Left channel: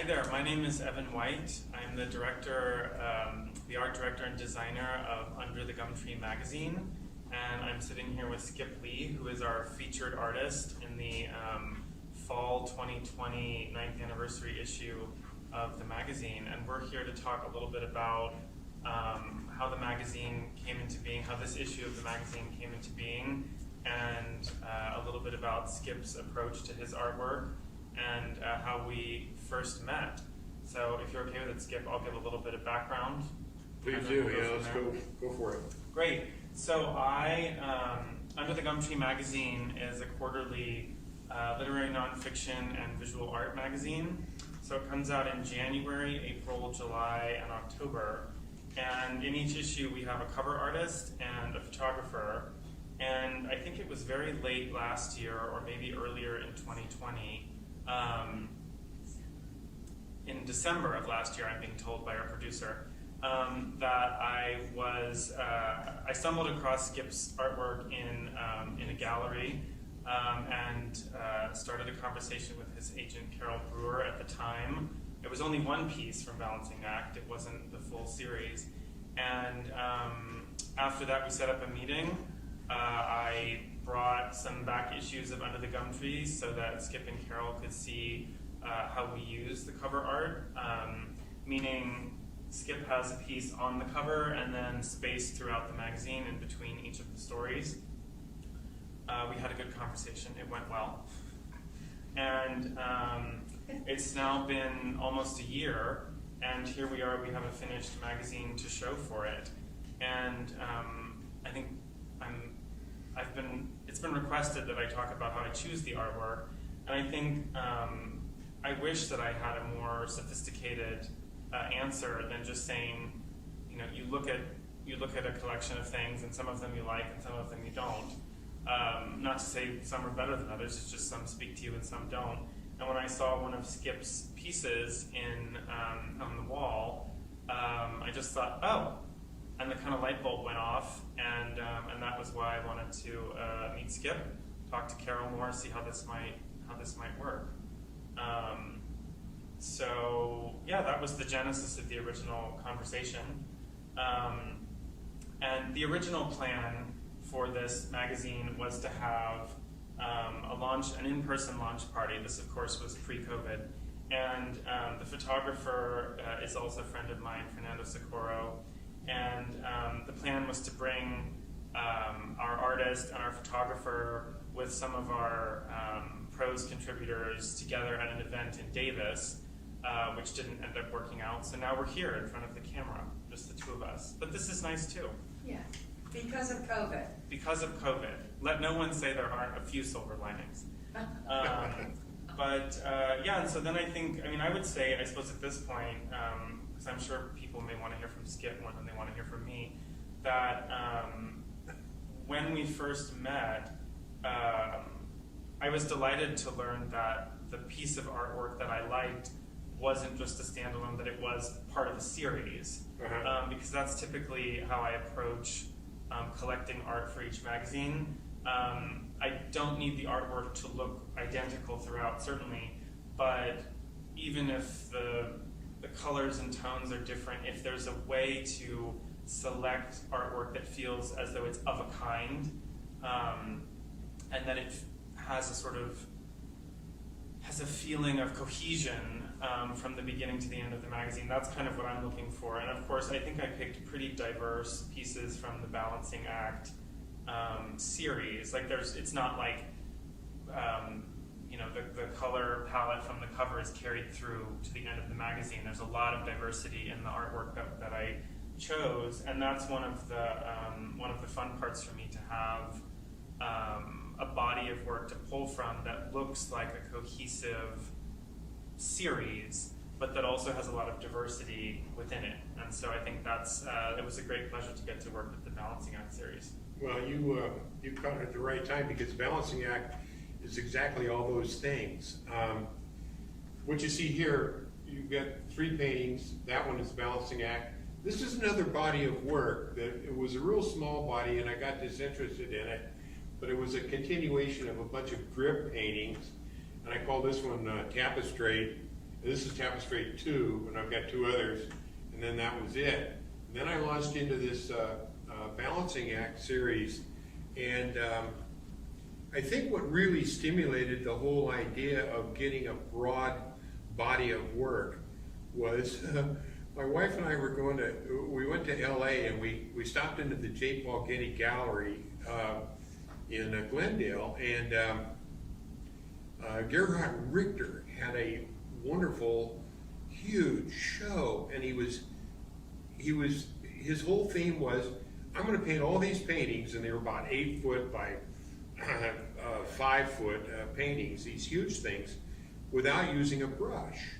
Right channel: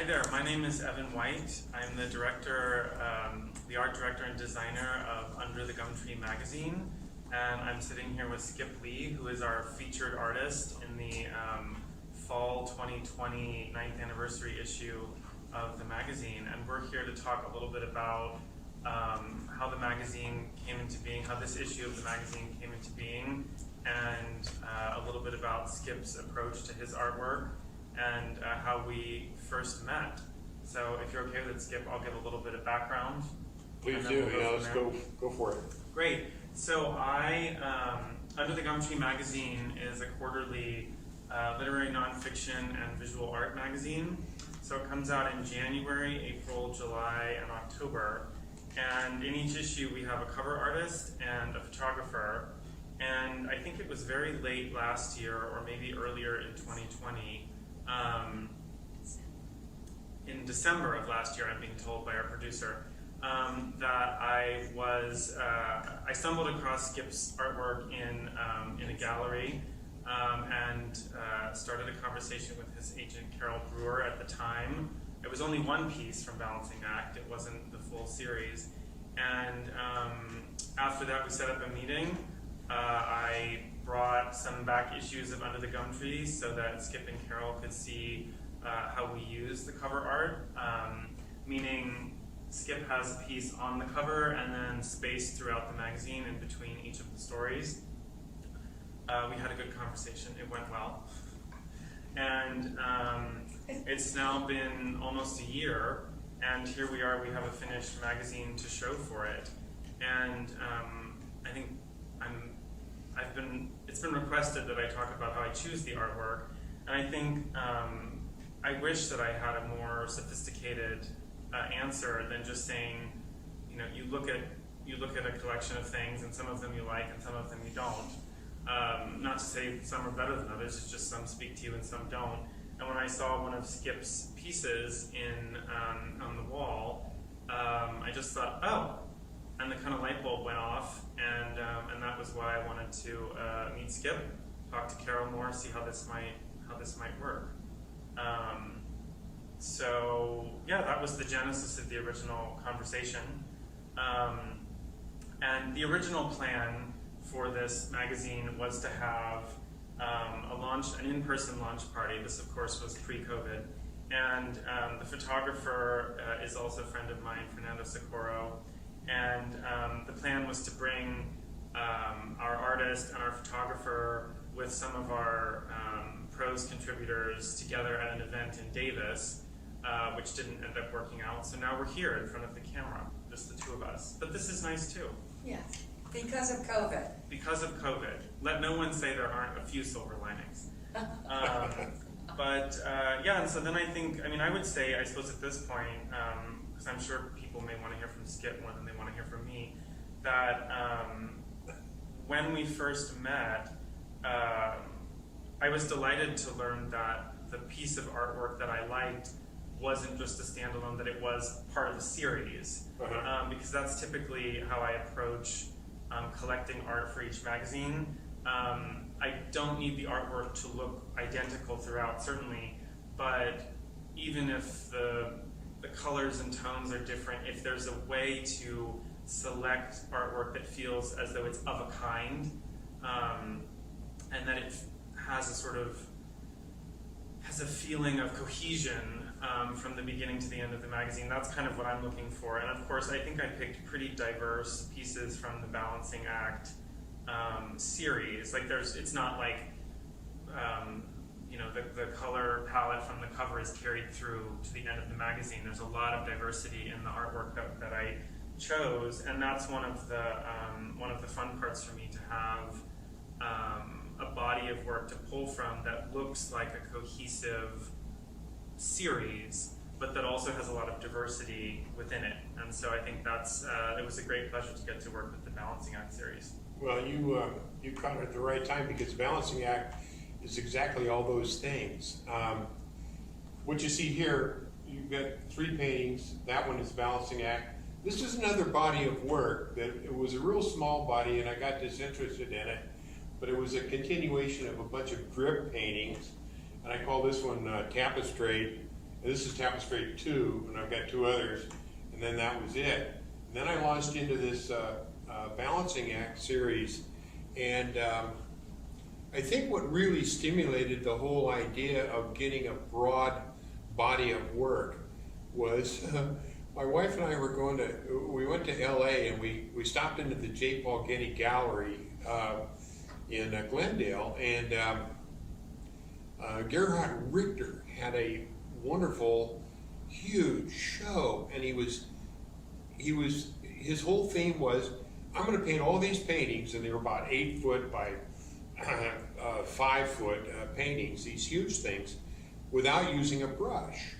Hi there, my name is Evan White. I'm the director, the art director and designer of Under the Gumtree magazine, and I'm sitting here with Skip Lee, who is our featured artist in the fall 2020 9th anniversary issue of the magazine, and we're here to talk a little bit about how the magazine came into being, how this issue of the magazine came into being, and a little bit about Skip's approach to his artwork, and how we first met. So if you're okay with it, Skip, I'll give a little bit of background. Please do, let's go for it. Great. So Under the Gumtree magazine is a quarterly literary nonfiction and visual art magazine. So it comes out in January, April, July, and October. And in each issue we have a cover artist and a photographer. And I think it was very late last year, or maybe earlier in 2020, in December of last year, I'm being told by our producer, that I stumbled across Skip's artwork in a gallery and started a conversation with his agent, Carol Brewer, at the time. It was only one piece from Balancing Act, it wasn't the full series. And after that, we set up a meeting. I brought some back issues of Under the Gumtree so that Skip and Carol could see how we use the cover art, meaning Skip has a piece on the cover and then space throughout the magazine in between each of the stories. We had a good conversation, it went well. And it's now been almost a year, and here we are, we have a finished magazine to show for it. And I think it's been requested that I talk about how I choose the artwork, and I think I wish that I had a more sophisticated answer than just saying, you look at a collection of things, and some of them you like, and some of them you don't. Not to say some are better than others; it's just some speak to you and some don't. And when I saw one of Skip's pieces on the wall, I just thought, oh. And the kind of light bulb went off, and that was why I wanted to meet Skip, talk to Carol more, see how this might work. So yeah, that was the genesis of the original conversation. And the original plan for this magazine was to have an in-person launch party. This, of course, was pre-COVID, and the photographer is also a friend of mine, Fernando Socorro. And the plan was to bring our artist and our photographer with some of our prose contributors together at an event in Davis, which didn't end up working out. So now we're here in front of the camera, just the two of us. But this is nice too. Yeah, because of COVID. Because of COVID. Let no one say there aren't a few silver linings. Yeah, and so then I would say, I suppose at this point, because I'm sure people may want to hear from Skip more than they want to hear from me, that when we first met, I was delighted to learn that the piece of artwork that I liked wasn't just a standalone, that it was part of a series. Because that's typically how I approach collecting art for each magazine. I don't need the artwork to look identical throughout, certainly, but even if the colors and tones are different, if there's a way to select artwork that feels as though it's of a kind, and that it has a feeling of cohesion from the beginning to the end of the magazine, that's kind of what I'm looking for. And of course, I think I picked pretty diverse pieces from the Balancing Act series. Like it's not like the color palette from the cover is carried through to the end of the magazine. There's a lot of diversity in the artwork that I chose, and that's one of the fun parts for me, to have a body of work to pull from that looks like a cohesive series, but that also has a lot of diversity within it. And so I think it was a great pleasure to get to work with the Balancing Act series. Well, you caught it at the right time, because Balancing Act is exactly all those things. What you see here, you've got 3 paintings. That one is Balancing Act. This is another body of work that it was a real small body, and I got disinterested in it, but it was a continuation of a bunch of drip paintings, and I call this one Tapestry. And this is Tapestry 2, and I've got 2 others, and then that was it. And then I launched into this balancing act series, and I think what really stimulated the whole idea of getting a broad body of work was my wife and I we went to LA, and we stopped into the J. Paul Getty Gallery in Glendale, and Gerhard Richter had a wonderful, huge show, and his whole theme was, I'm going to paint all these paintings, and they were about 8 foot by 5 foot paintings, these huge things, without using a brush.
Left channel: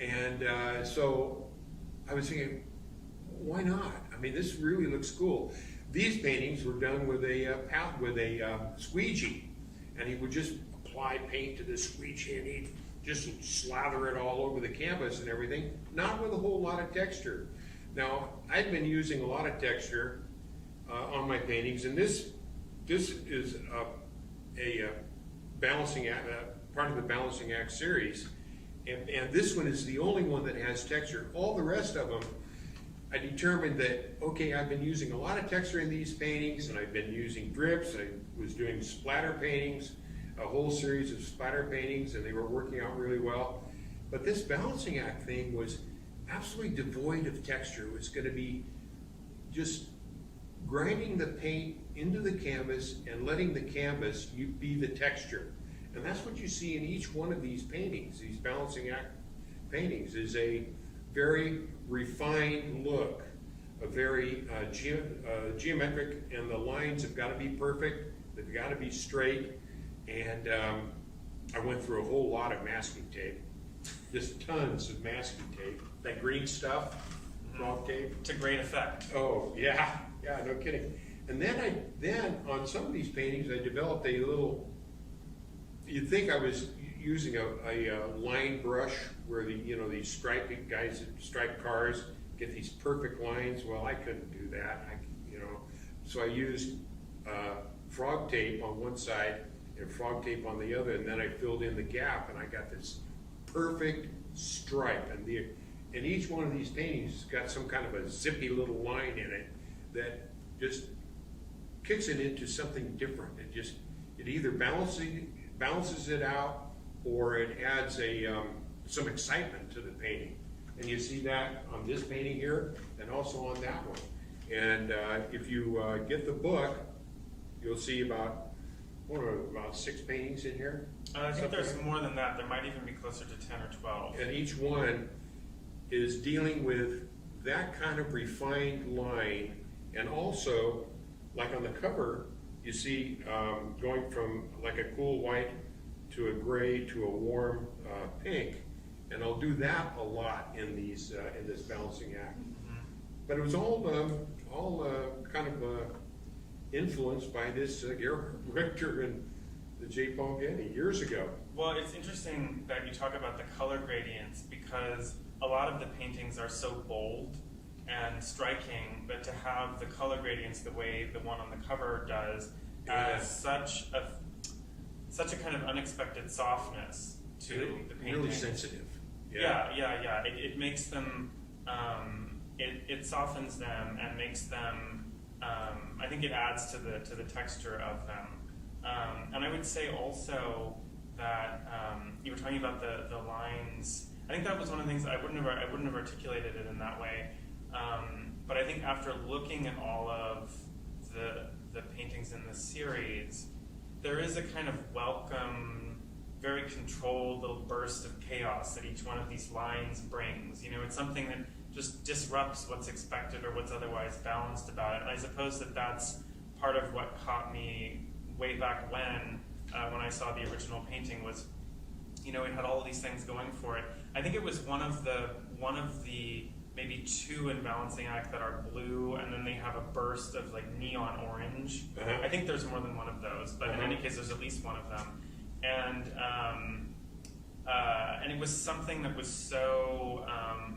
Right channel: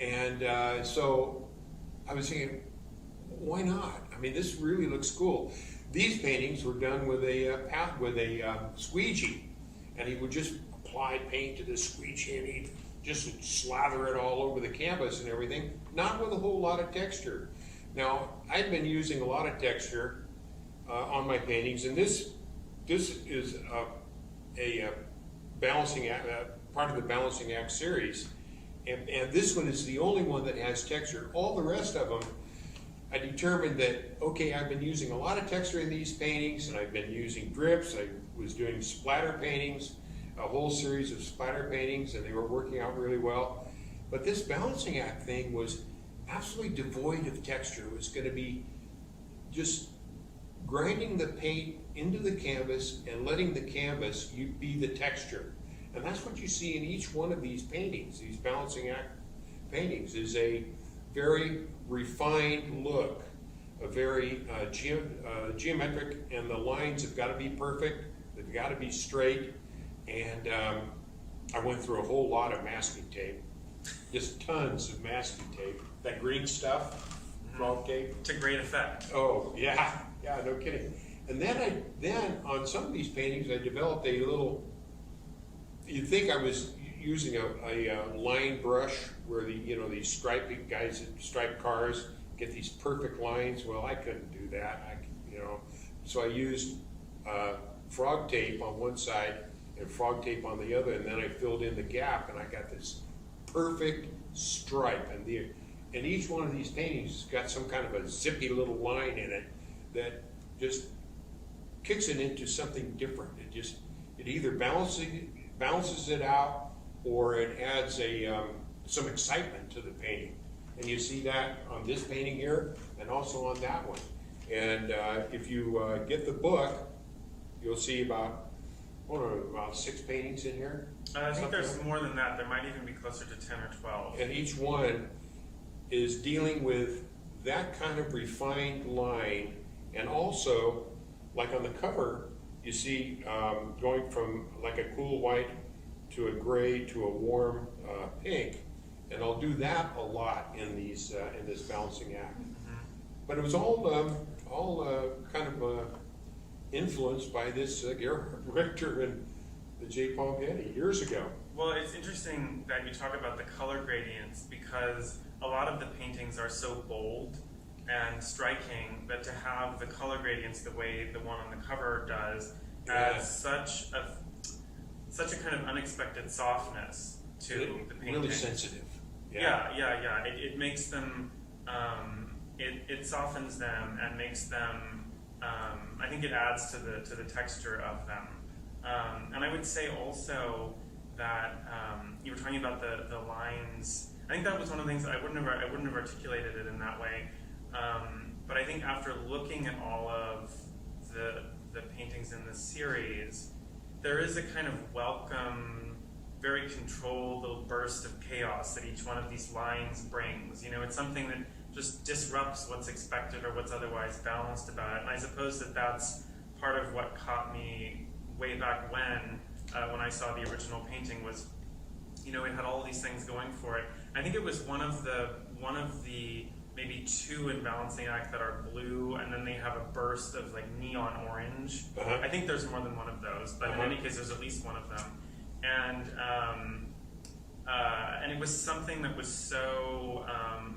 And so I was thinking, why not? I mean, this really looks cool. These paintings were done with a squeegee, and he would just apply paint to the squeegee, and he'd just slather it all over the canvas and everything, not with a whole lot of texture. Now, I've been using a lot of texture on my paintings, and this is a balancing act, part of the balancing act series, and this one is the only one that has texture. All the rest of them, I determined that, okay, I've been using a lot of texture in these paintings, and I've been using drips. I was doing splatter paintings, a whole series of splatter paintings, and they were working out really well. But this balancing act thing was absolutely devoid of texture. It was going to be just grinding the paint into the canvas and letting the canvas be the texture. And that's what you see in each one of these paintings. These balancing act paintings is a very refined look, a very geometric, and the lines have got to be perfect, they've got to be straight, and I went through a whole lot of masking tape, just tons of masking tape, that green stuff, frog tape. To great effect. Oh, yeah, no kidding. And then on some of these paintings, I developed a little, you'd think I was using a line brush where these striped guys that stripe cars get these perfect lines. Well, I couldn't do that. So I used frog tape on one side and frog tape on the other, and then I filled in the gap, and I got this perfect stripe. And each one of these paintings has got some kind of a zippy little line in it that just kicks it into something different. It either balances it out, or it adds some excitement to the painting. And you see that on this painting here, and also on that one. And if you get the book, you'll see about 6 paintings in here. I think there's more than that. There might even be closer to 10 or 12. And each one is dealing with that kind of refined line, and also, like on the cover, you see going from like a cool white to a gray to a warm pink, and I'll do that a lot in these in this balancing act. Mm-hmm. But it was all kind of influenced by this Gerhard Richter and the J. Paul Getty years ago. Well, it's interesting that you talk about the color gradients, because a lot of the paintings are so bold and striking that to have the color gradients the way the one on the cover does adds such a kind of unexpected softness to the painting. Really sensitive. Yeah. It makes them, it softens them and makes them, I think it adds to the texture of them. And I would say also that you were talking about the lines. I think that was one of the things I wouldn't have articulated it in that way. But I think after looking at all of the paintings in this series, there is a kind of welcome, very controlled little burst of chaos that each one of these lines brings. It's something that just disrupts what's expected or what's otherwise balanced about it. And I suppose that's part of what caught me way back when I saw the original painting was, it had all of these things going for it. I think it was one of the maybe 2 in balancing act that are blue, and then they have a burst of like neon orange. Uh-huh. I think there's more than one of those, but in any case, there's at least one of them. And it was something that was so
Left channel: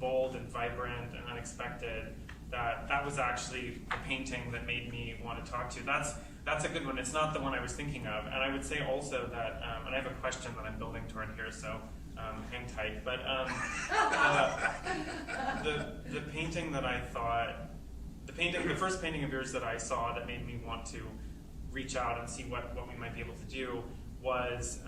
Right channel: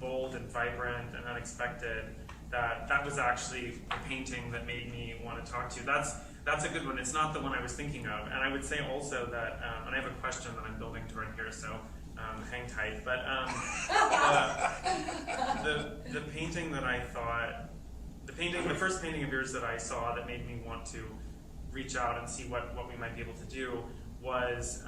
bold and vibrant and unexpected that was actually the painting that made me want to talk to you. That's a good one. It's not the one I was thinking of. And I would say also that, and I have a question that I'm building toward here, so hang tight. But the painting that I thought, the first painting of yours that I saw that made me want to reach out and see what we might be able to do was,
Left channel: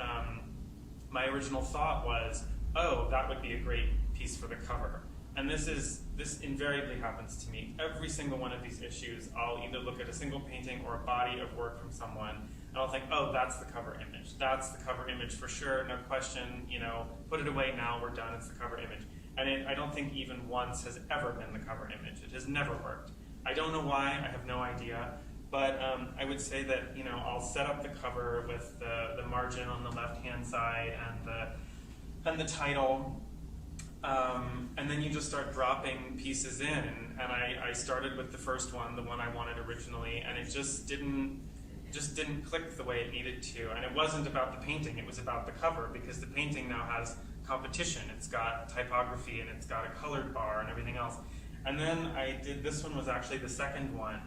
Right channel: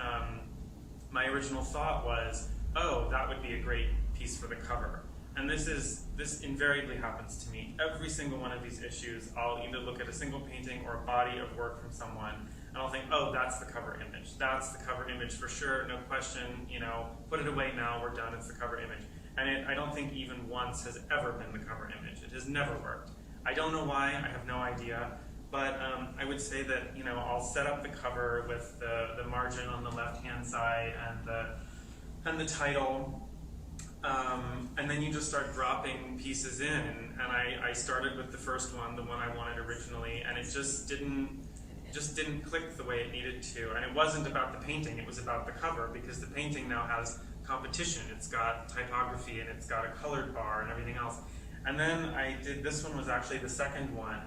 my original thought was, oh, that would be a great piece for the cover. And this invariably happens to me. Every single one of these issues, I'll either look at a single painting or a body of work from someone, and I'll think, oh, that's the cover image. That's the cover image for sure, no question, put it away now, we're done, it's the cover image. And I don't think even once has ever been the cover image. It has never worked. I don't know why, I have no idea, but I would say that, I'll set up the cover with the margin on the left-hand side and the title, and then you just start dropping pieces in, and I started with the first one, the one I wanted originally, and it just didn't click the way it needed to. And it wasn't about the painting, it was about the cover, because the painting now has competition. It's got typography and it's got a colored bar and everything else. And then this one was actually the second one,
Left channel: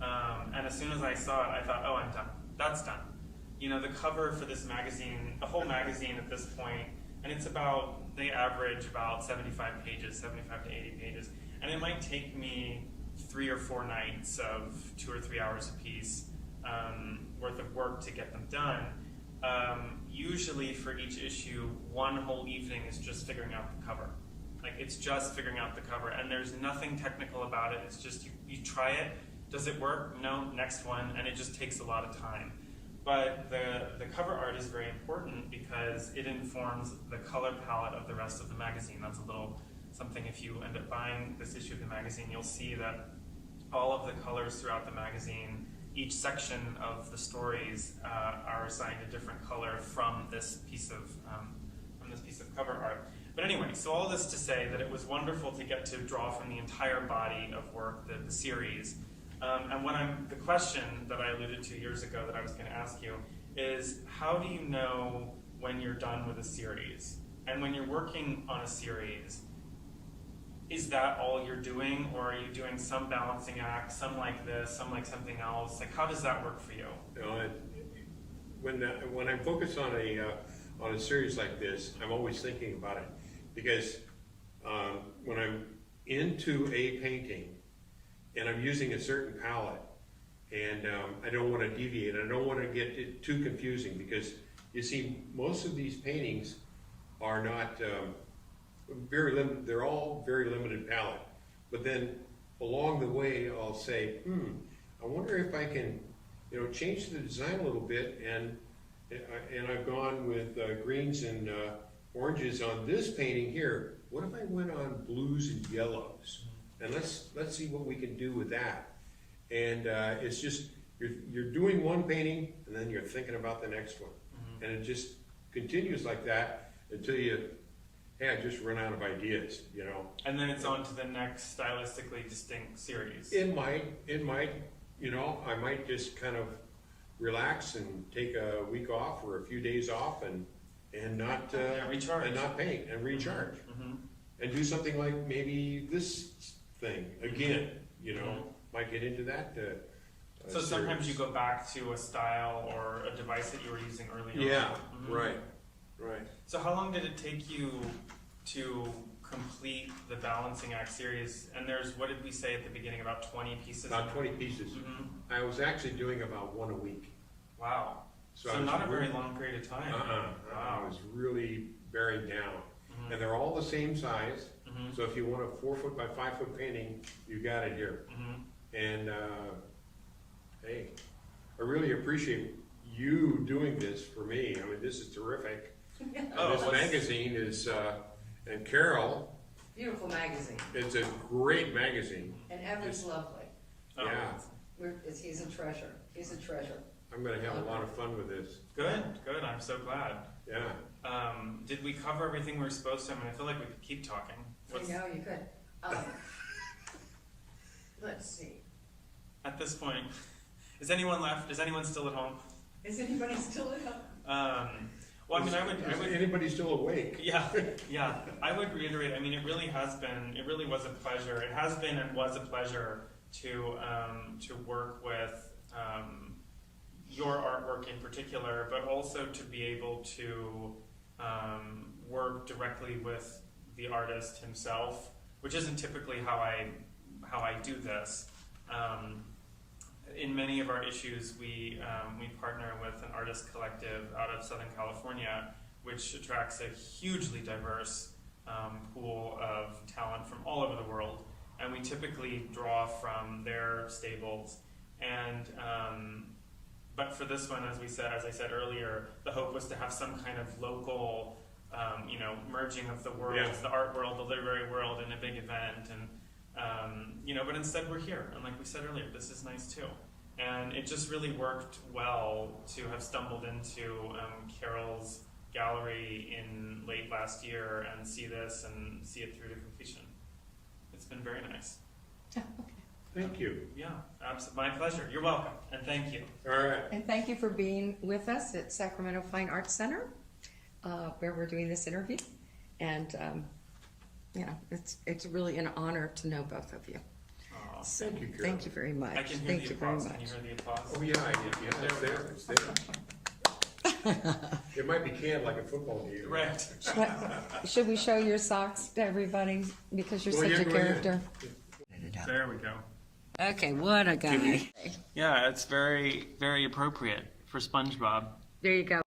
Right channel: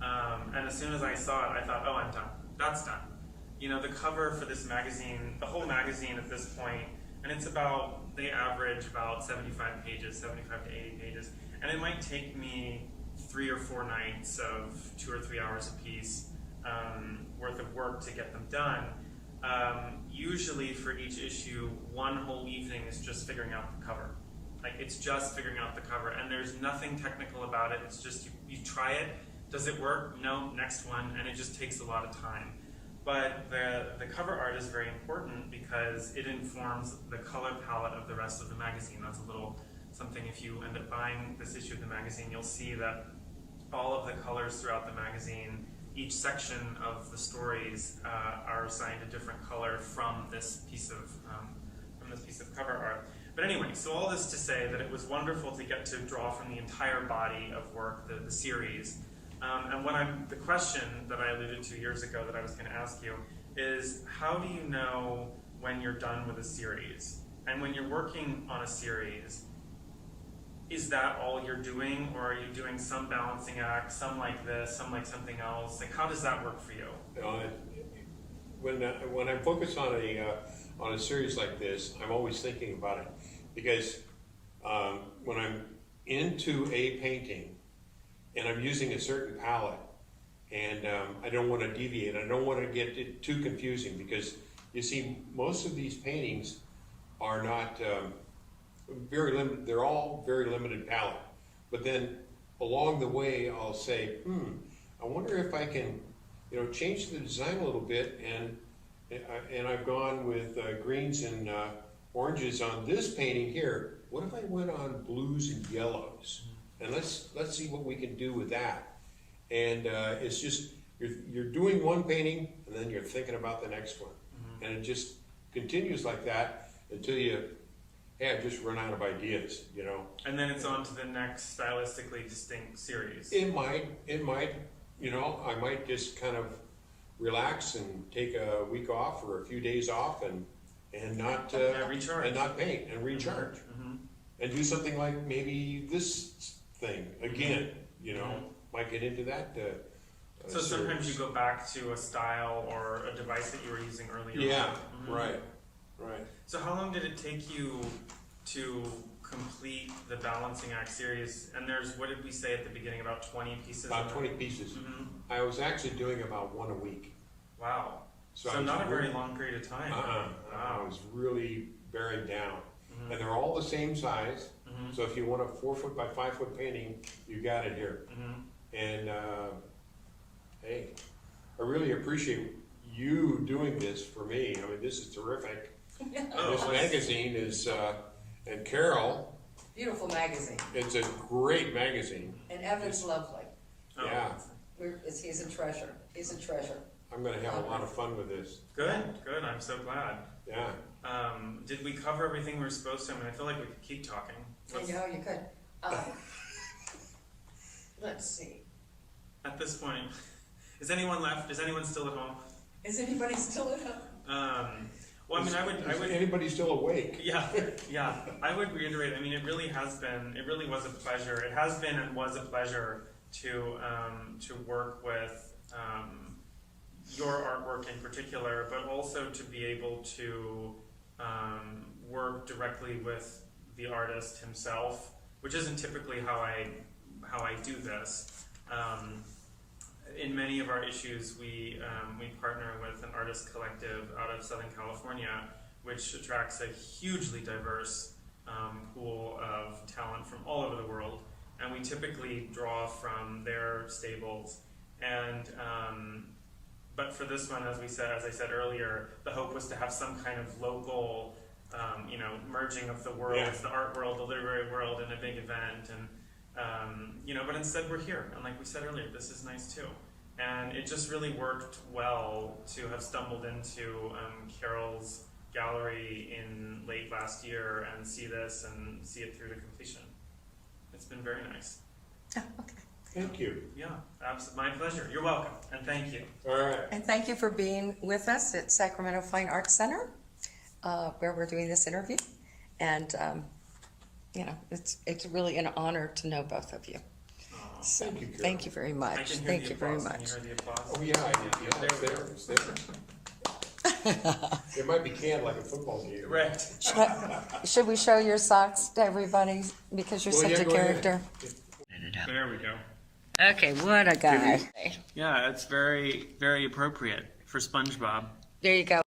and as soon as I saw it, I thought, oh, I'm done. That's done. The cover for this magazine, the whole magazine at this point, and they average about 75 pages, 75 to 80 pages, and it might take me 3 or 4 nights of 2 or 3 hours a piece worth of work to get them done. Usually for each issue, one whole evening is just figuring out the cover. It's just figuring out the cover, and there's nothing technical about it. It's just you try it. Does it work? No, next one, and it just takes a lot of time. But the cover art is very important because it informs the color palette of the rest of the magazine. That's a little something. If you end up buying this issue of the magazine, you'll see that all of the colors throughout the magazine, each section of the stories are assigned a different color from this piece of cover art. But anyway, so all this to say that it was wonderful to get to draw from the entire body of work, the series. And the question that I alluded to years ago that I was going to ask you is, how do you know when you're done with a series? And when you're working on a series, is that all you're doing, or are you doing some balancing act, some like this, some like something else? How does that work for you? When I'm focused on a series like this, I'm always thinking about it, because when I'm into a painting and I'm using a certain palette, and I don't want to deviate, I don't want to get it too confusing, because you see, most of these paintings are not very limited. They're all very limited palette. But then along the way, I'll say, I wonder if I can, change the design a little bit, and I've gone with greens and oranges on this painting here. What if I went on blues and yellows? And let's see what we can do with that. And it's just, you're doing one painting, and then you're thinking about the next one. Mm-hmm. And it just continues like that until I just run out of ideas, And then it's on to the next stylistically distinct series. It might, I might just kind of relax and take a week off or a few days off and not recharge, and not paint and recharge, mm-hmm. and do something like maybe this thing again. Mm-hmm. Might get into that. So sometimes you go back to a style or a device that you were using earlier. Yeah, mm-hmm. Right. So how long did it take you to complete the Balancing Act series? And there's, what did we say at the beginning, about 20 pieces? About 20 pieces. Mm-hmm. I was actually doing about one a week. Wow. So not a very long period of time. Wow. I was really buried down. Mm-hmm. And they're all the same size. Mm-hmm. So if you want a 4-foot by 5-foot painting, you got it here. Mm-hmm. And hey, I really appreciate you doing this for me. I mean, this is terrific. This magazine is, and Carol. Beautiful magazine. It's a great magazine. And Evan's lovely. Yeah. He's a treasure. He's a treasure. I'm going to have a lot of fun with this. Good. I'm so glad. Yeah. Did we cover everything we were supposed to? I mean, I feel like we could keep talking. I know you could. Let's see. At this point, is anyone left? Is anyone still at home? Is anybody still at home? Well, I mean, I would. Anybody still awake? Yeah. I would reiterate. I mean, it really was a pleasure. It has been and was a pleasure to work with your artwork in particular, but also to be able to work directly with the artist himself, which isn't typically how I do this. In many of our issues, we partner with an artist collective out of Southern California, which attracts a hugely diverse pool of talent from all over the world, and we typically draw from their stables. And but for this one, as I said earlier, the hope was to have some kind of local, merging of the worlds, the art world, the literary world, in a big event, and but instead we're here, and like we said earlier, this is nice too. And it just really worked well to have stumbled into Carol's gallery in late last year and see this and see it through to completion. It's been very nice. Oh, okay. Thank you. Yeah, my pleasure. You're welcome, and thank you. All right. And thank you for being with us at Sacramento Fine Arts Center, where we're doing this interview. And, it's really an honor to know both of you. So, Thank you, Carol. thank you very much. I can hear Thank the you very applause. Can much. you hear the applause? Oh, yeah, it's there, it's there. It might be canned like a football game. Right. Should we show your socks to everybody because you're Well, such yeah, a go ahead. character? There we go. Okay, what a guy. Yeah, it's very, very appropriate for SpongeBob. There you go.